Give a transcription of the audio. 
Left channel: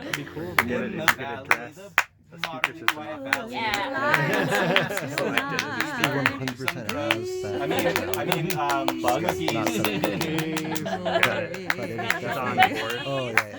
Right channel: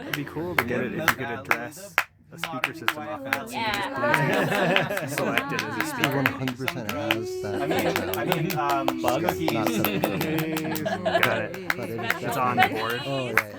It'd be cool to get it if you could address the speaker system. Selected as a speaker. 100% has that. Bug? Not set up. Got it. But it is It's on definitely. the board. Oh yeah.